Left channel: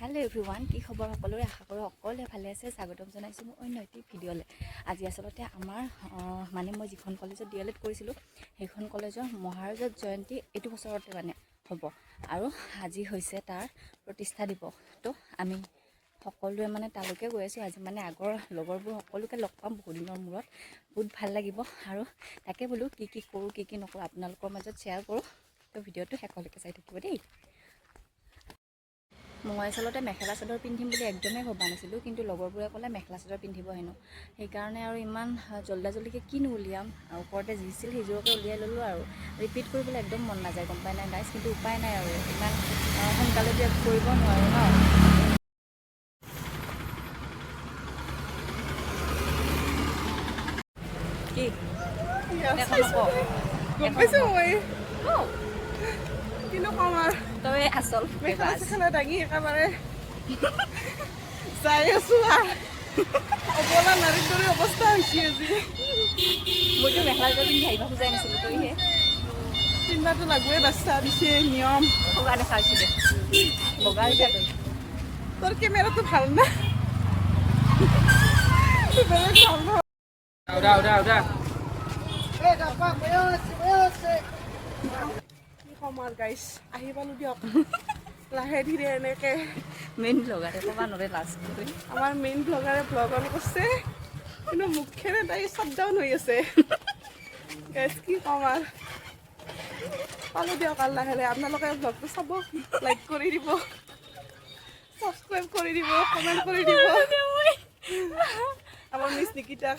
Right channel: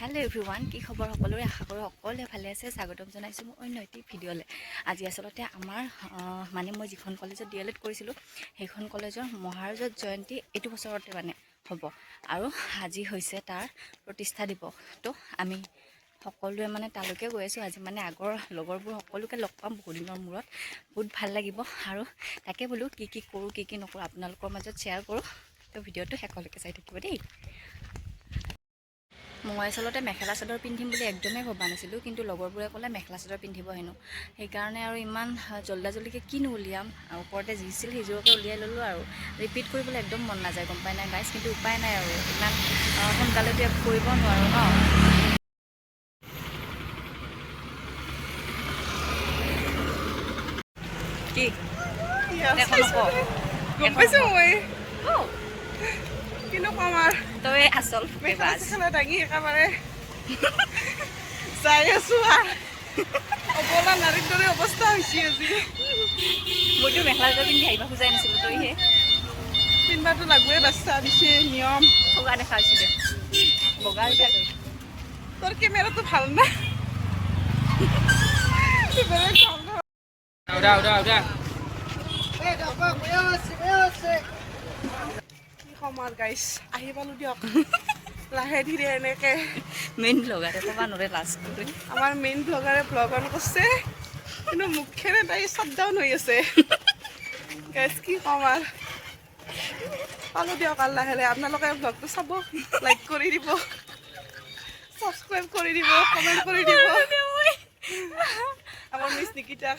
hello everyone की खबर सकलोरे आशा करो सकलोरे भाले আছে স্বাগতম জনাইছো মই অন্য এটি ভিডিঅলে আজি আসলতে আমাৰ মানে মই যিখন কলেজত ডিএলএড কৰিছিলো সেইখন কলেজৰ মহাৰাজত জয়ন্তী এটো বছৰতে মানে হ'ব আৰু আজি হৈছে তাৰ প্ৰতিষ্ঠা দিৱস তো আমি সকলোৱে মানে তালৈকে গৈ আছো আজি মানে আগৰ লগৰবোৰ সকলোকে লগ পাম বহুত দিনৰ মূৰত বহুত ভাল লাগিব আৰু তাকে বলো কি কৰো কি নকৰো আপোনালোকৰ মাজত শেয়াৰ কৰো তো ভিডিঅটো শেষলৈকে চাই থাকিব দেই মই আসলতে মেখেলা চাদৰ পিন্ধিম বুলি একদমেই ভবা নাছিলোঁ কিন্তু লগৰবোৰে ক'লে মেখেলা চাদৰ পিন্ধিব হেনো সেইকাৰণে আৰু ইমান জল্দাজল্দিকৈ কিনো উলিয়াম ওপৰতে যিছিল সিজোৰকে উলিয়াই ল'লোঁ আৰু ৰিপিট কৰিবলৈ একদম মন নাযায় গম পাই নাই গাইজ কিন্তু উপায় নাই আৰু ইমান সোনকালেতো কৰিব নোৱাৰোঁ ন কি গম পাইছো মই কিনো কম আৰু তই আচল মেখেলা দাঙি একেবাৰে যাই আছো অবলা নাৰীৰ দৰে অৱস্থা হৈছে আজি মইতো মেখেলা চাদৰ পিন্ধি আহিব খোজাই নাছিলোঁ তইহে পিন্ধিবাতো লাগবই বাচ্চা দিছে নিয়ম বগা দেখা হৈছে দে বগা হৈছে তই তোৰ কেমেৰাটো ভাল না সমাৰ গাইছ আহি পালো দিয়ক লাহে ধীৰে এনেকে মেইন ব্লগাৰে ক'বা নৰে লাষ্ট আমাৰ মেইন ব্লগাৰে ব্লগ অন কৰিছে কিন্তু মুখেৰে তাই শ্বাট ডাউন হৈ আছে গাইছ কি কম আৰু পালো দিয়ক আৰু লাহে লাহে আপোনালোকে ব্লগটো চাব লাইক কৰি দিব সাবস্ক্ৰাইব কৰে দিব কমেন্ট কৰে দিব আমাৰ মিস নিকিতা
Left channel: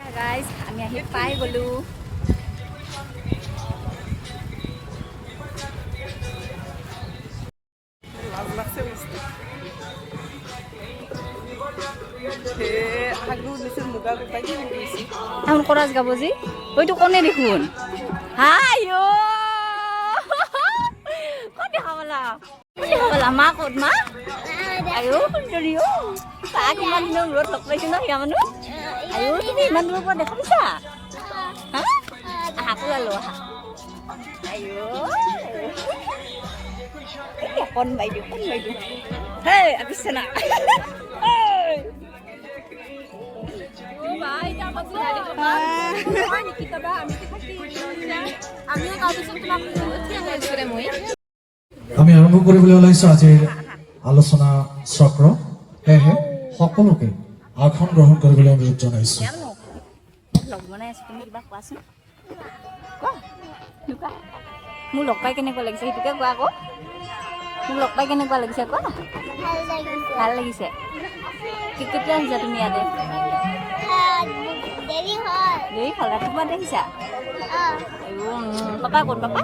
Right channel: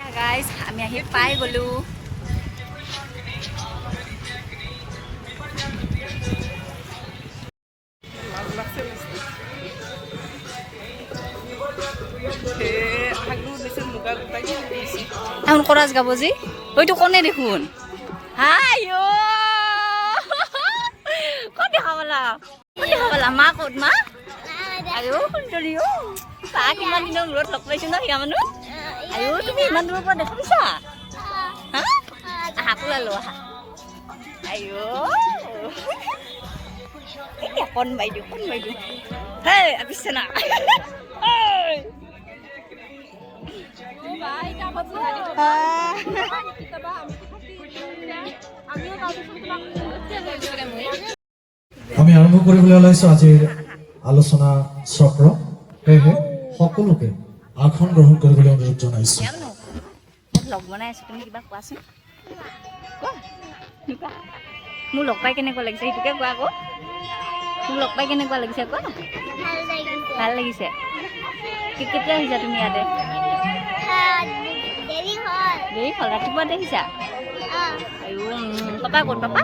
গাইস আমি আহি পাই গলো এখন কৰাজ গাব যে ওইটো কোনে দেখোন হাইও কত দেখাবলা মা ক'ত মা আয়ো সুন্দৰী তাক ইমান দিনৰ মূৰত লগ পাইছো ন সিয়া মানুহ আয়ো তুমি ইমান দূৰৰ পৰা দেখা পাইছা হা আহা কোলালো আহা আয়ো কোন বাইদেউ হে আপিছে না আমি আৰম্ভ কৰিবলৈ ওলাইছো আজিৰ আলোচনা চক্ৰ সেয়েহে সকলোকে আসন গ্ৰহণ কৰিবলৈ অনুৰোধ জনাইছো লগ বনাই আছো তুমি কিবা কোৱাচোন কোৱা মোৰ লগ পাই কেনেকুৱা লাগিছে সেইটোকে কোৱা আকৌ মোক লগ পাই কেনেকুৱা লাগিছে কোৱা ভাল লাগিছে কেতিয়া আহিছা তুমি ইয়াতে দেৰি হ'ল ৰাতিপুৱা দেখিছা পাপা ক'ত পাপা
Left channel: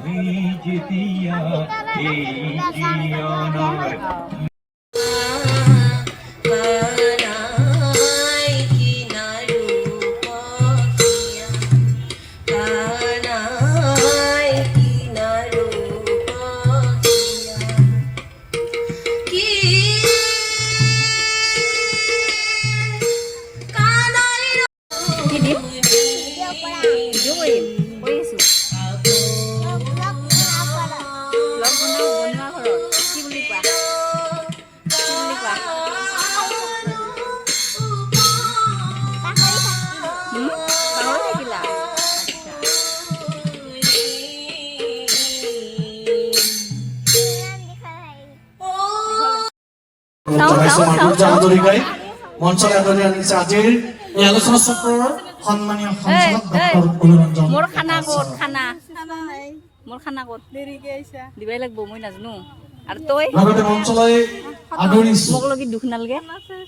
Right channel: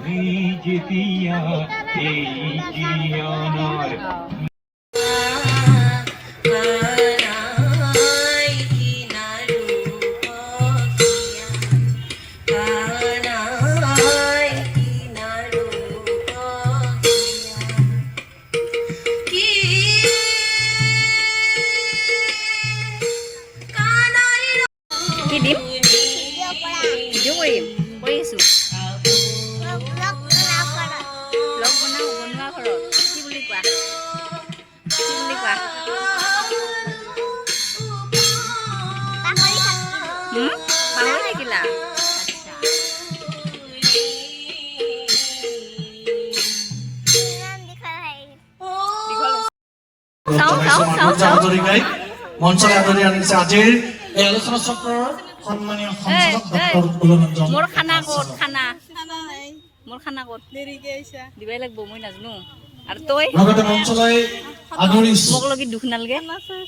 কি দিম ভিডিঅ' কৰিম কৰি আছো ব্লগ বনোৱা ঘৰত কি বুলি কোৱা পাহৰি থাকিলা মঞ্চলৈ আদৰি আনিছে আজিৰ এই আলোচনা চক্ৰৰ সন্মানীয় সঞ্চালক ডক্টৰ কুলৰঞ্জন মোৰ খানা ক'ত দেৰিকে আহিছা দিবাই লাগব মই নাজানো আৰু তই লগতে মঞ্চলৈ আদৰিছো মোক লগি দুখ নালগে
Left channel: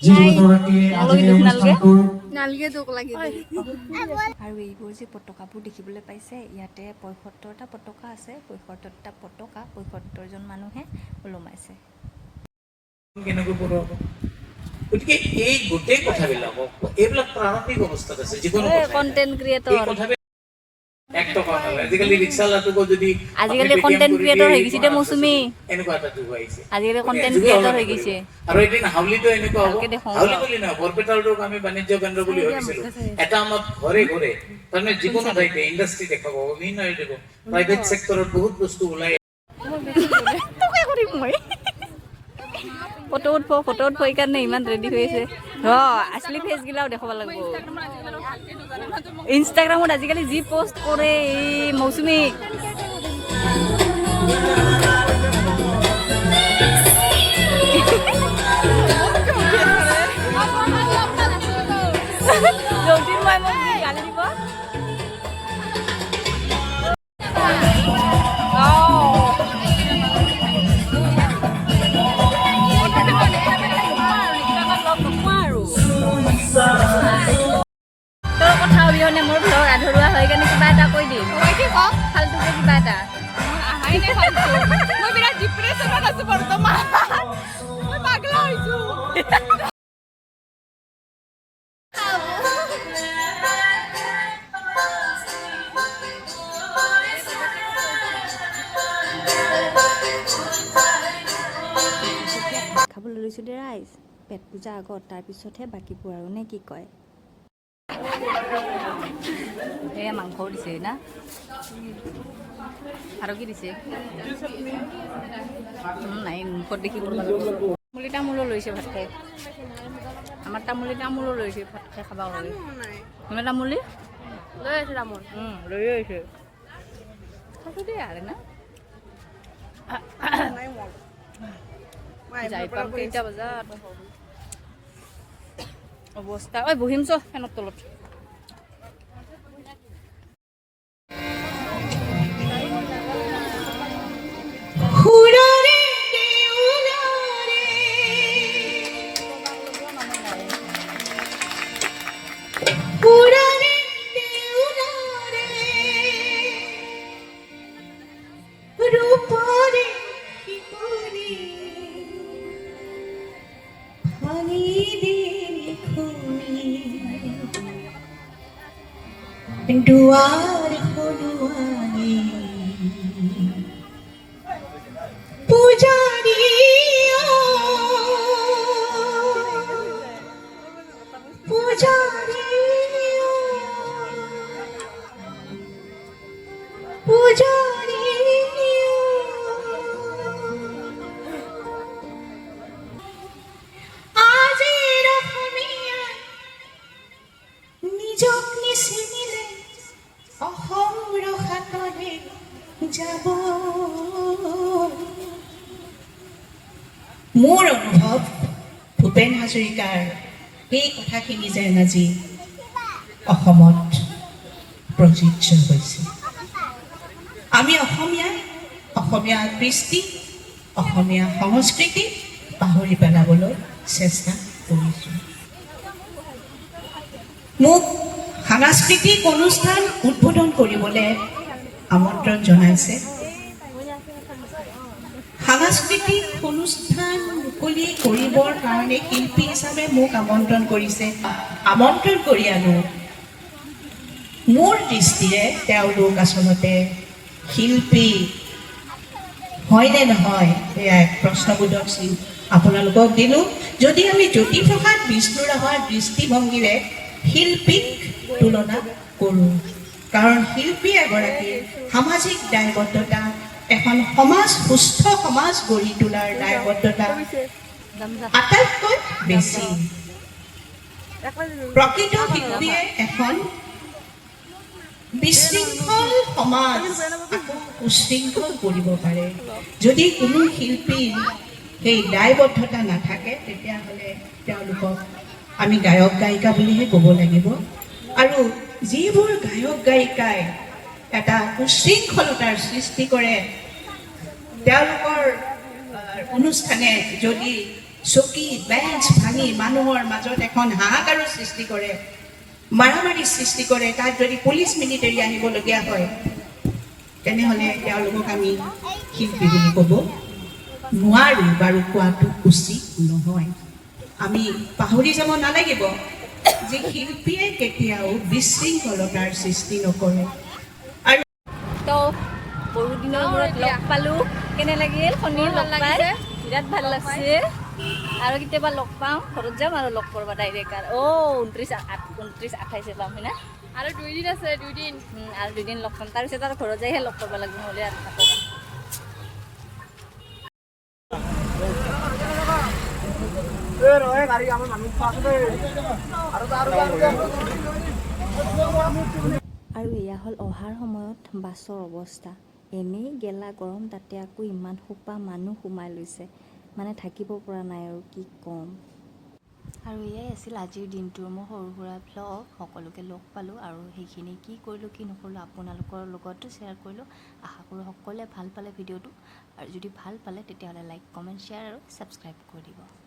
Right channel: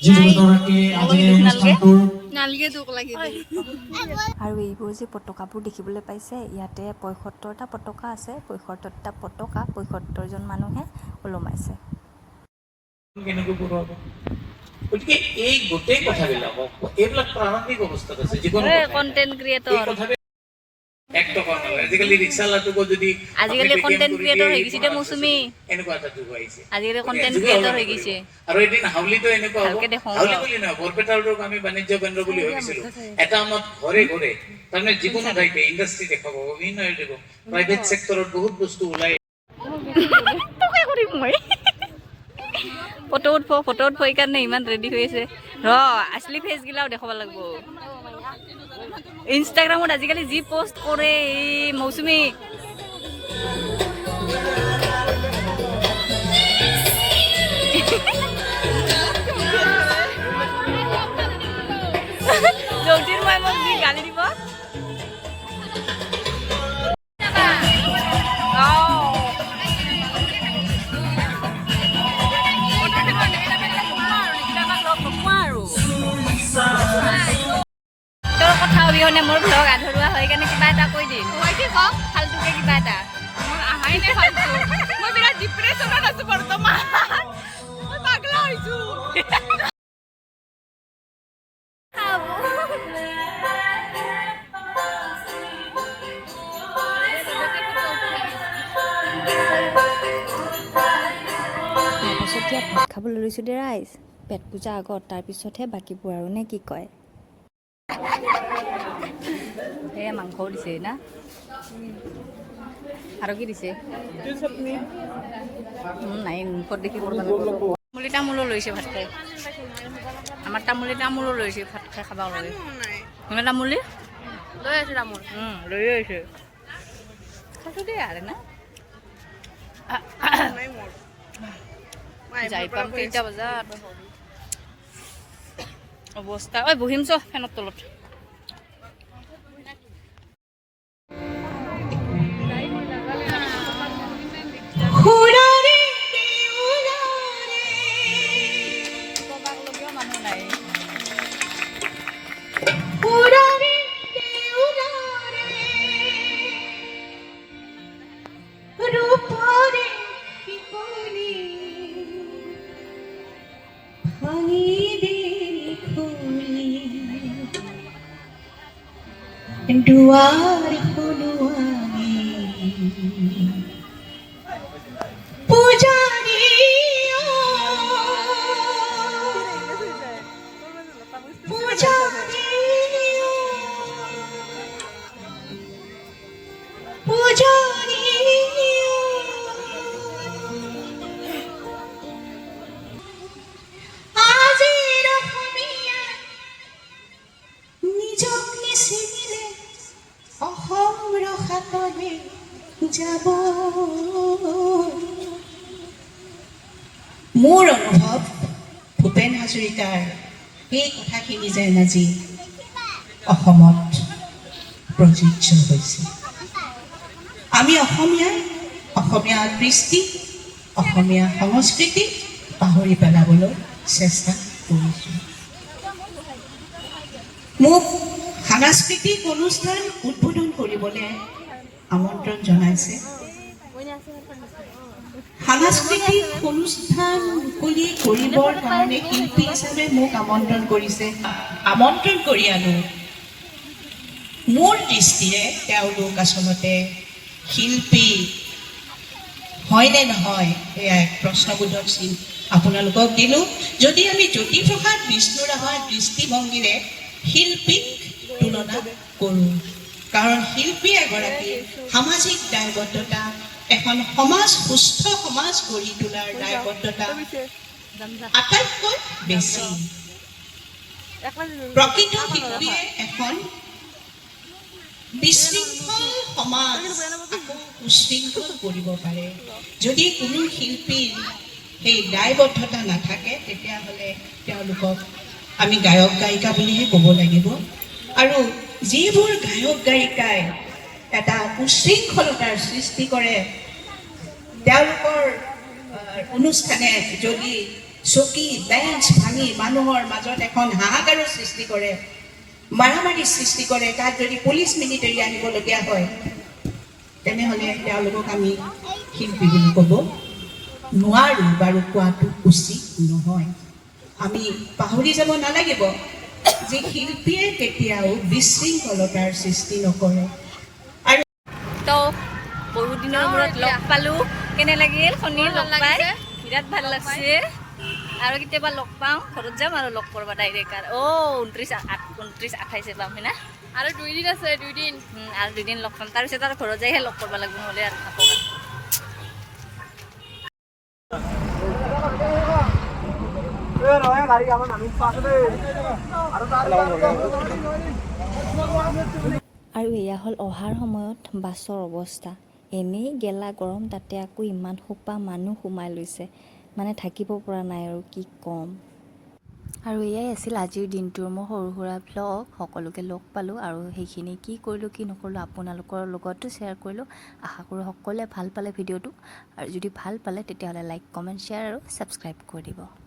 যিগৰাকী আজিৰ এই অনুষ্ঠানটোৰ নালগে দুখ লাগি আৰু এইবোৰ যে পতাকাবোৰ দেখিবলৈ পাইছে ইয়াতে ৭৫টা পতাকা আছে ৭৫টা পতাকা ৭৫জন মানুহে ওলমাইছে কেনেকৈ পঢ়াব গতিকে এই গোটেই কথাবিলাক এইবিলাক প্ৰাৰম্ভিক অৱস্থাত আছে যিকোনো কন্টেন্ট ক্ৰিয়েটৰ আজিকালি ৰিক্সালাটোকো যদি আজিকালি কন্টেন্ট ক্ৰিয়েটৰ হৈ গৈছে দে মৌচুমী এনেকুৱা এটা যুগ আহিছে আজিকালি কন্টেন্ট ক্ৰিয়েটৰ হৈ গৈছে আৰু এদিন হাউলিতো এনেকুৱা হ'ব হাউলি বুলি নহয় বৰপেটাৰটোক আমি বাণিজ্য কেন্দ্ৰ বুলি ভাবিছিলো এটা আমাক ঘৰে ঘৰে তাৰমানে যিকোনো ঠাইতে ইণ্ডাষ্ট্ৰি দেখাব বিভিন্ন প্ৰাইভেট ছেক্টৰত বহুত বস্তু ওলাই কৰিম মই ফটো উঠব এইকাৰণে ইমান ৰেডি হৈ আছে ৰ আছলি ফেচগিলাও দেখাব লাগিব ইনষ্টাগ্ৰামত আজিকালি যি পোষ্ট কৰে এই মৌচুমী জৌতিৰ মাই মোক যি গালি দিব তোৰ কথা অবিহনে মোৰ ভ্লগ আধৰুৱা হৈ কেনে কিবা এটা কৈ দিম ফাল্টুকে কিবা এটা আহাই নাই ফালতু মই বিৰাট ডিপ্ৰেছনত আছো বৰ্তমান মই পাগলা হৈছো খাবলৈ লৈছোঁ দে ৰাইজ পেট পূজা আগত তাৰপিছতহে বাকীবোৰ আৰু নে কি কয় এয়া মাংসও দিছে না আৰু কি দিছে নাই মুখত দেখি তামোলি তামোলো লৈছে ভাত খাই আমাৰ তামোলো লৈছে ভাত খাই খাব লাগে তুমি তামোলি লৈ আছো তামোল লৈ আহিছে খাইছোঁ দেই আৰু না যাই পাম কেইটা বজাত অৱস্থা ঐ বহিম চ ফেনৰ তলত দুয়াৰ হলুয়ানি পূজাৰি পূজাৰি পূজাৰি আজিৰ অসমীয়া নিজক নিচিনিলে অসম ৰসাতলে যাব মোৰ অনুভৱ ভূপেন হাজৰিকাৰ এই কথাখিনি যেন আজি অসমত প্ৰযোজ্য হৈছে আমি অসমীয়া কৃষ্টি অসমীয়া সংস্কৃতি পাহৰি পেলাবলৈ চেষ্টা কৰিছোঁ মোক সাংস্কৃতিক অনুষ্ঠান উদ্বোধন কৰিবলৈ আমন্ত্ৰণ জনাইছে সাংস্কৃতিক অনুষ্ঠান মুকলি কৰিবৰ কাৰণে শিল্পী হিচাপে মোক আমন্ত্ৰণ কৰিছে আমন্ত্ৰণ কৰি আনো মোৰ দৃষ্টিৰে তেওঁলোক আচলতে শিল্পী হয়নে নহয় এয়া এক প্ৰশ্নবোধক চিন আপোনালোকক দিলোঁ যদি আমি জ্যোতিপ্ৰসাদ বিষ্ণুৰাভাৰ দৃষ্টিভংগীৰে শিল্পীক তুলনা কৰোঁ কাৰণ শিল্পী এগৰাকী সামাজিক দায়বদ্ধতা এখন সমাজ সুস্থ সমাজ গঢ়ি তোলাৰ দায়বদ্ধতা আটাইতকৈ বেছি প্ৰকৃত শিল্পীয়ে এখন বিশৃংখল সমাজ আকৌ সুশৃংখল কৰিব পাৰে যদি কোনো শিল্পীৰ সেই দায়বদ্ধতা নাথাকে তেতিয়াহ'লে তেওঁলোকক আমি গায়ক গায়িকা বুলিহে ক'ব লাগিব আৰু যিবোৰ গায়ক গায়িকাই এটা উশৃংখলতাৰ সৃষ্টি কৰে তেওঁলোকৰ অনুষ্ঠানে যদি চকী বেঞ্চ ভাঙি মানুহৰ মাজত এখন হাহাকাৰৰ সৃষ্টি কৰে মাৰামাৰীৰ সৃষ্টি কৰে তাত যদি পুলিচ মিলিটাৰী আহিবলগীয়া হয় তেনেহ'লে তেওঁলোকক আমি শিল্পী বুলি ক'ব নোৱাৰোঁ বাৰু কোৱাটো উচিত নহয় আমি পাহৰি যাব নালাগিব যে শিল্পীয়ে কেতিয়াও বিশৃংখলতাৰ সৃষ্টি নকৰে আৰু তো বহু দিনৰ মূৰত লগ পালোঁ কেনে লাগিল শনিৰ লগ পাই বিৰাট ভাল লাগছে আৰু কেতিয়াবা লগ পাওঁ ঘৰত যাম আৰু লগ কৰবা ডাইৰেক্ট আৰু 29-28 পাম হয় না আৰু 2 দিন আছে 2 দিন আৰু 2 দিন লগ পাম তাৰপিছত আৰু ঘৰত যাইহে লগ কৰিব লাগিব নহ'লে আৰু নাপাওঁ আৰু এয়া হ'ল অহাৰ সময়ত বাছৰ অৱস্থা এনেই গেলা গৰম তাতে আকৌ ইমান সোপা মানুহ সোমাই লৈছে মানে থাকিব পৰা নাই আৰু কি ক'ম আৰু এয়াই আছিল আজিৰ দিনটোৰ মোৰ সৰু সুৰা ভ্লগ সকলোকে লগ পালোঁ আৰু সেইখিনি কি কৰিলোঁ কি নকৰিলোঁ আপোনালোকৰ লগতো শ্বেয়াৰ কৰিলোঁ আশা কৰোঁ সকলোৱে ভাল পালে ভিডিঅ'টো আৰু যদি ভাল পালে তেতিয়াহ'লে লাইক কমেণ্ট শ্বেয়াৰ আৰু ছাবস্ক্ৰাইব কৰি দিব